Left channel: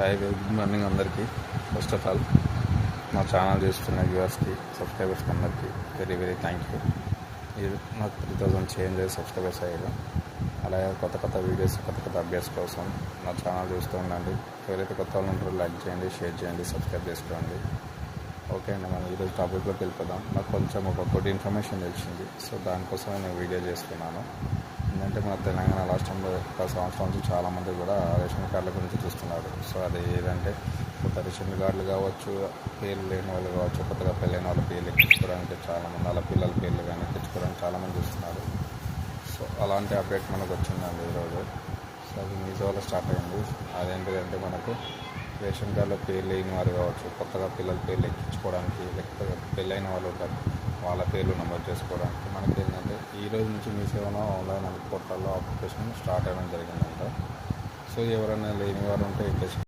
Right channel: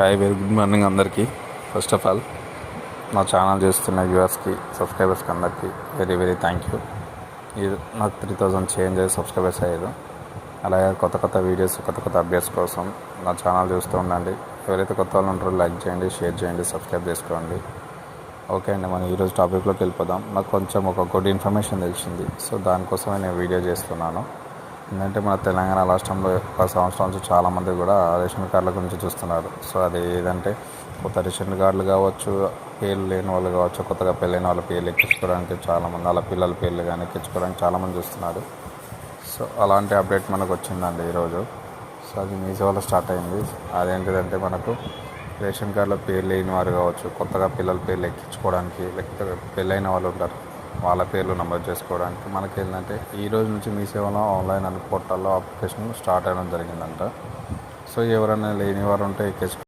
Hi, very good morning అందరికీ. First of all నా channel చూస్తున్న వ్యూవర్స్కి, సబ్స్క్రైబర్స్కి అందరికీ వెరీ వెరీ థ్యాంక్ యూ. ఇది నాకు 3000 చేంజ్ సబ్స్క్రైబర్స్ అయ్యారు. అలాగే కొత్త వీడియోస్, కొత్త అప్డేట్స్ కోసం నా ఛానల్ చూస్తూ ఉండండి. ఎవరైతే కొత్త వాళ్ళు ఉంటారో లైక్ చేయండి, షేర్ చేయండి, సబ్స్క్రైబ్ చేసుకోండి. ఓకే అండి, మనం ఈరోజు టాపిక్లోకి వెళ్ళిపోదాం. నాకు కొంచెం ఒక గుడ్ ఇన్ఫర్మేషన్ తెలిసింది. సో దానికోసమే నేను వీడియో చేస్తున్నాను. ఏంటంటే మన తెలంగాణ రాష్ట్రంలో ఒక సంవత్సరం నుంచి చాలామంది కూడా రేషన్ కార్డుల గురించి చూస్తున్నారు. సో అది ఏదంటే కొత్త రేషన్ కార్డులు కావచ్చు, పేర్లు లేని వాళ్ళు కావచ్చు, కొత్తగా పెళ్ళైన వాళ్ళ పేర్లు ఎక్కించుకోవడానికి చాలామంది, వాళ్ళ పిల్లల పేర్లు కానీ ఎక్కించుకోవడానికి చాలామంది చూస్తున్నారు. సో అలాంటి అప్డేట్ మనకు వచ్చిందండి ఈరోజు. సో అది మీ సేవలో స్టార్ట్ అయింది. అదేంటిదంటే మనకు రేషన్ కార్డులో పేర్లు లేని వారు కావచ్చు, కొత్తగా పిల్లల పేర్లు ఎక్కించుకోవడానికి, లేకపోతే పెళ్ళైన వాళ్ళు ఉంటారు, వాళ్ళ పేర్లు నమోదు చేసుకోవడానికి మనకి ఏంటంటే ఈ రోజు నుంచి మీ సేవలో ఆన్లైన్ పోర్టల్లో అప్లికేషన్ స్టార్ట్ అవ్వడం జరిగిందంట. సో ఎవరైనా లేని వారు ఉంటే ఎక్కించుకో